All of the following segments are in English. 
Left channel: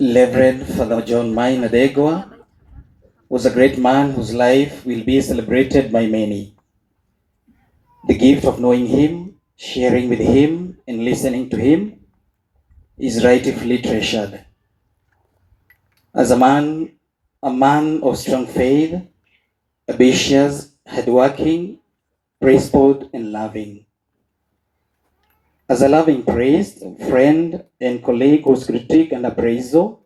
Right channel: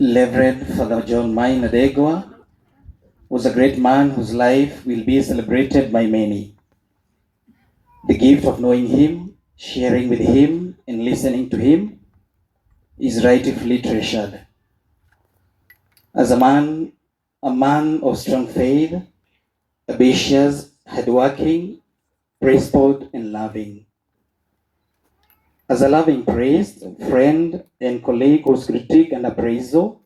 Reverend Father John Maina was a great man whose life will be celebrated by many. The gift of knowing him, sharing with him, and listening to him is rightfully treasured. As a man of strong faith, ambitious, hardworking, principled, and loving. As a loving priest, friend, and colleague whose critique and appraisal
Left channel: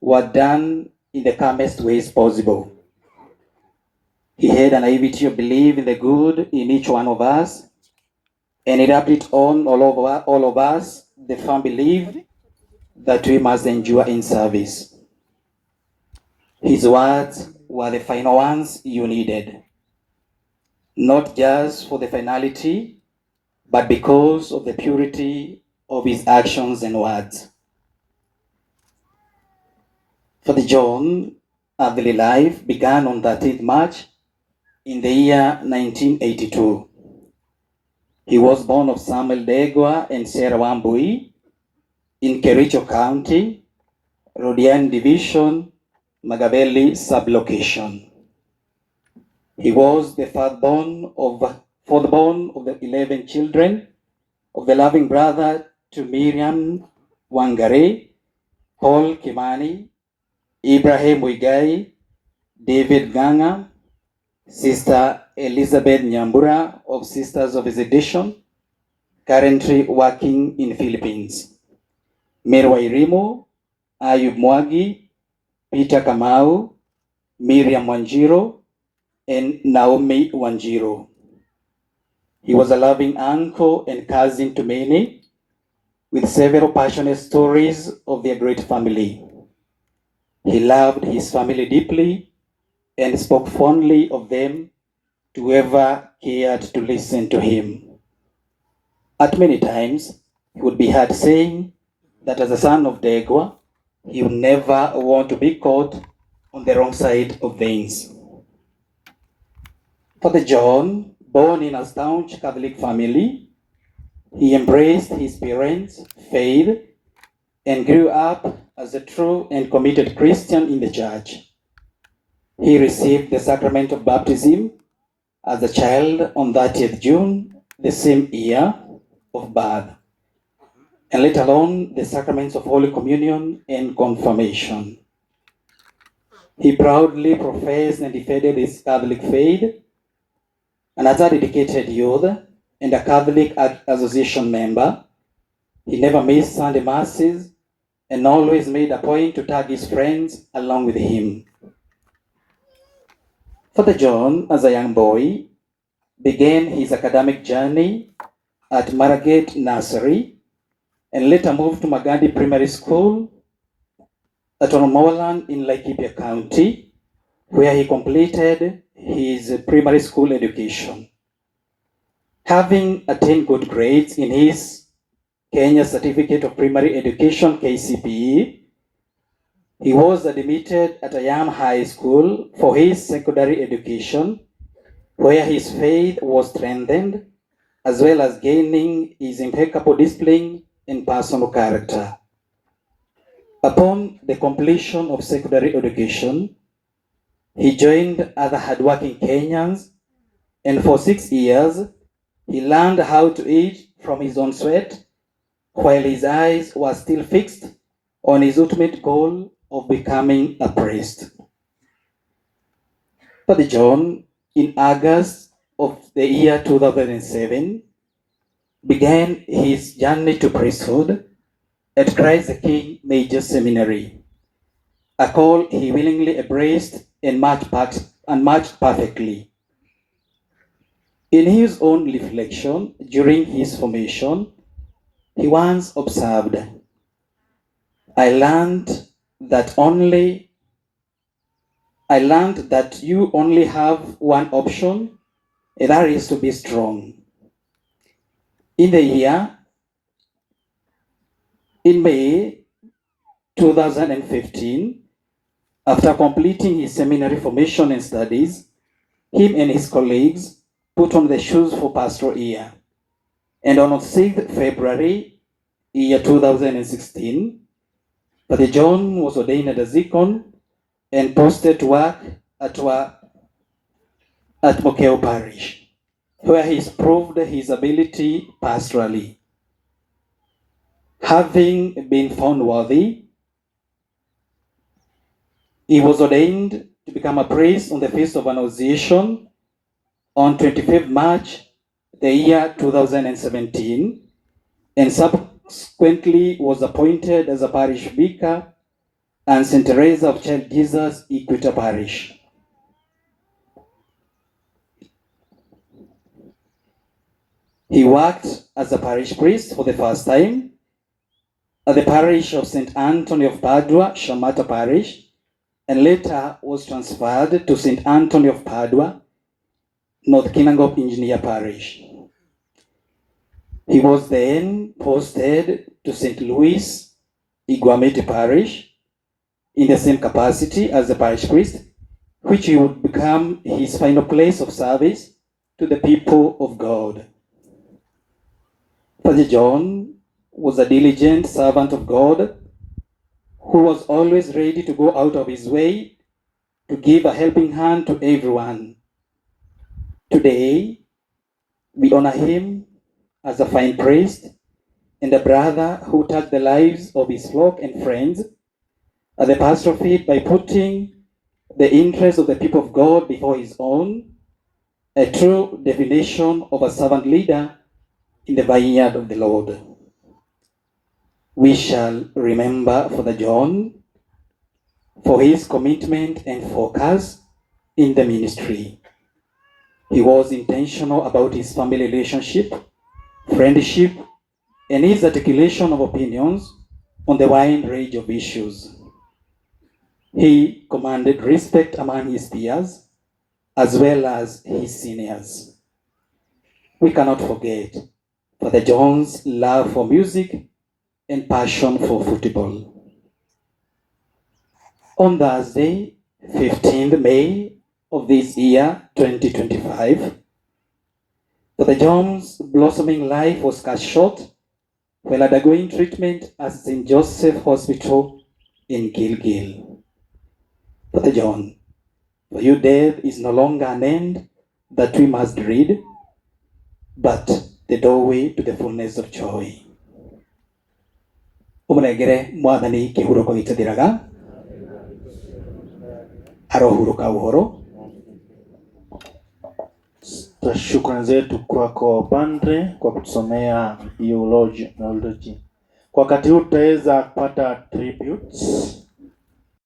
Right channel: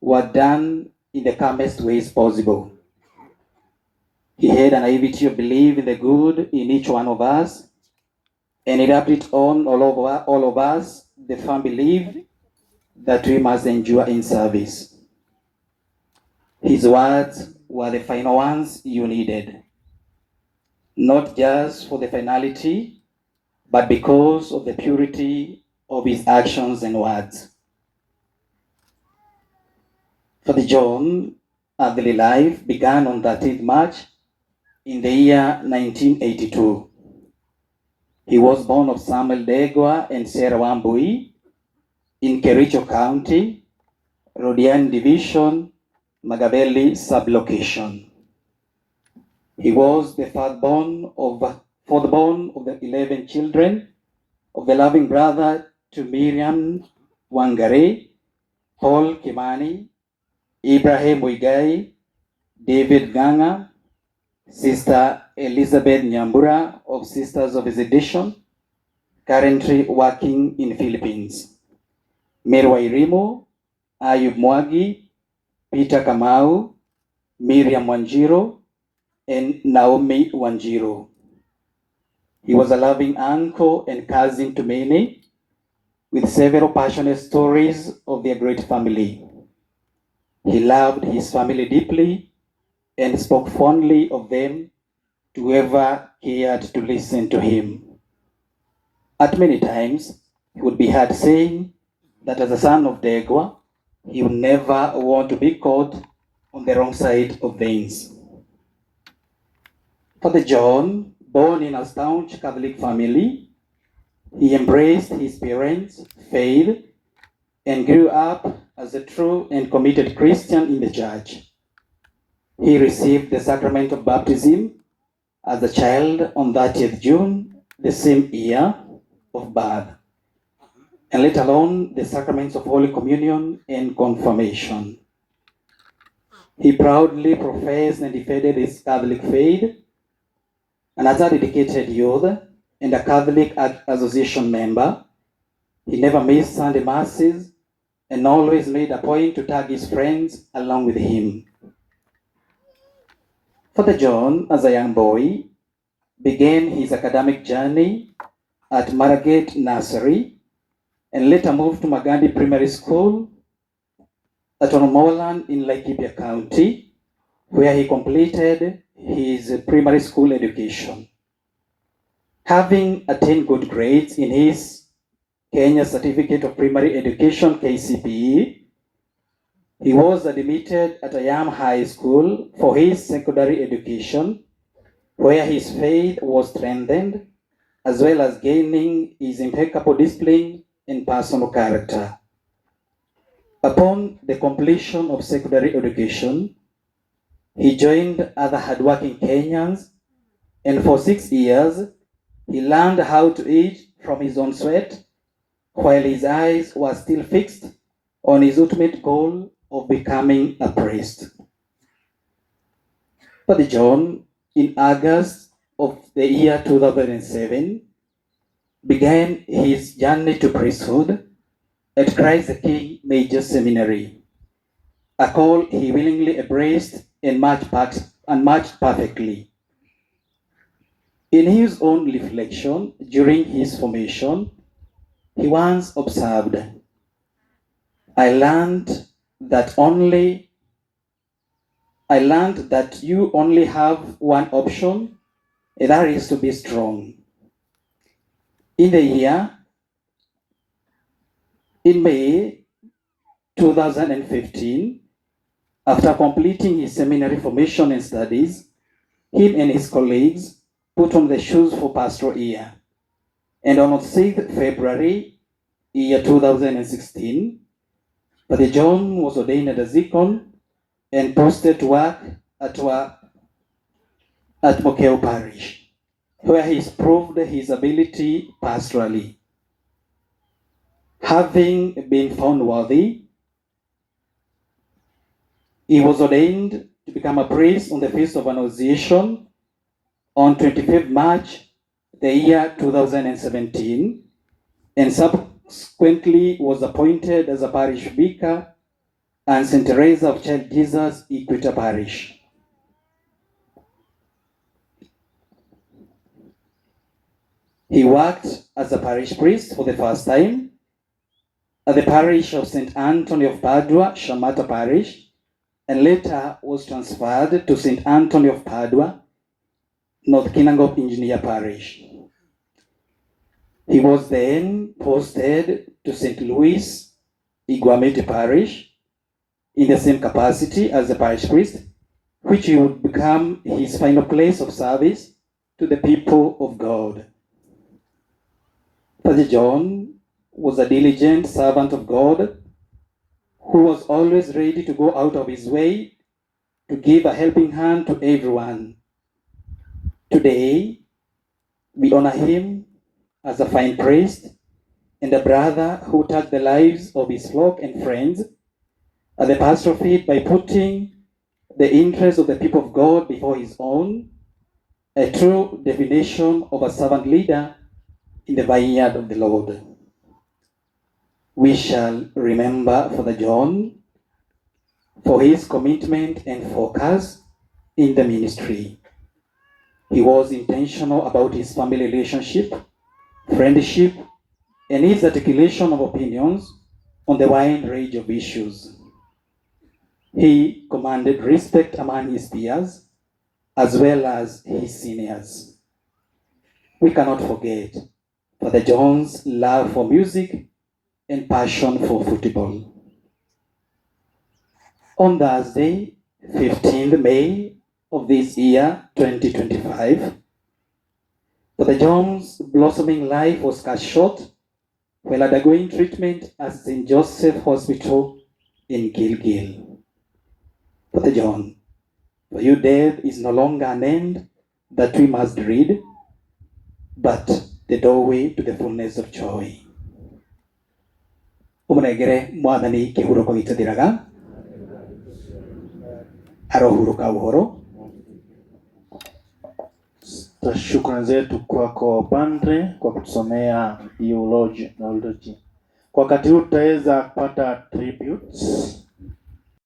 were done in the calmest ways possible. He had an naivety of belief in the good in each one of us, and it rubbed it on all of us, the firm belief that we must endure in service. His words were the final ones you needed, not just for the finality, but because of the purity of his actions and words. Father John earthly life began on 13th March in the year 1982. He was born of Samuel Degwa and Sarah Wambui in Kericho County, Rodian Division, Magaveli sublocation. He was the fourthborn of the 11 children of the loving brother to Miriam Wangare, Paul Kimani, Ibrahim Wigai, David Ganga, Sister Elizabeth Nyambura of Sisters of Visitation, currently working in Philippines. Merwa Irimo, Ayub Mwagi, Peter Kamau, Miriam Wanjiro, and Naomi Wanjiro. He was a loving uncle and cousin to many, with several passionate stories of their great family. He loved his family deeply and spoke fondly of them to whoever cared to listen to him. At many times, he would be heard saying that as a son of Degwa, he would never want to be caught on the wrong side of things. Father John, born in a staunch Catholic family, he embraced his parents' faith and grew up as a true and committed Christian in the church. He received the sacrament of baptism as a child on 30th June, the same year of birth, and let alone the sacraments of Holy Communion and Confirmation. He proudly professed and defended his Catholic faith, and as a dedicated youth and a Catholic Association member, he never missed Sunday Masses and always made a point to tag his friends along with him. Father John, as a young boy, began his academic journey at Maragate Nursery and later moved to Magadi Primary School at Onomolan in Laikipia County, where he completed his primary school education. Having attained good grades in his Kenya Certificate of Primary Education, KCPE, he was admitted at Ayam High School for his secondary education, where his faith was strengthened, as well as gaining his impeccable discipline and personal character. Upon the completion of secondary education, he joined other hardworking Kenyans, and for 6 years, he learned how to eat from his own sweat, while his eyes were still fixed on his ultimate goal of becoming a priest. Father John, in August of the year 2007, began his journey to priesthood at Christ the King Major Seminary, a call he willingly embraced and matched perfectly. In his own reflection during his formation, he once observed, I learned that you only have one option, and that is to be strong. In May 2015, after completing his seminary formation and studies, him and his colleagues put on the shoes for pastoral year. And on 6th February year 2016, Father John was ordained as deacon and posted to work at Mokeo Parish, where he proved his ability pastorally. Having been found worthy, he was ordained to become a priest on the Feast of Annunciation on 25th March, the year 2017, and subsequently was appointed as a parish vicar and St. Teresa of Child Jesus, Equator Parish. He worked as a parish priest for the first time at the parish of St. Anthony of Padua, Shamata Parish, and later was transferred to St. Anthony of Padua, North Kinangop Engineer Parish. He was then posted to St. Louis, Iguamete Parish, in the same capacity as the parish priest, which would become his final place of service to the people of God. Father John was a diligent servant of God who was always ready to go out of his way to give a helping hand to everyone. Today, we honor him as a fine priest and a brother who touched the lives of his flock and friends at the pastoral feet by putting the interests of the people of God before his own, a true definition of a servant leader in the vineyard of the Lord. We shall remember Father John for his commitment and focus in the ministry. He was intentional about his family relationship, friendship, and his articulation of opinions on the wide range of issues. He commanded respect among his peers as well as his seniors. We cannot forget Father John's love for music and passion for football. On Thursday, 15th May of this year, 2025, Father John's blossoming life was cut short while undergoing treatment at St. Joseph Hospital in Gilgil. Father John, for you death is no longer an end that we must dread, but the doorway to the fullness of joy. Umunegere mwathani kihuruko gitathiraga arohuruka uhoro. Shukrani zetu kwako Padre kwa kutusomea Eulogy. Kwa wakati huu tutaweza kupata tributes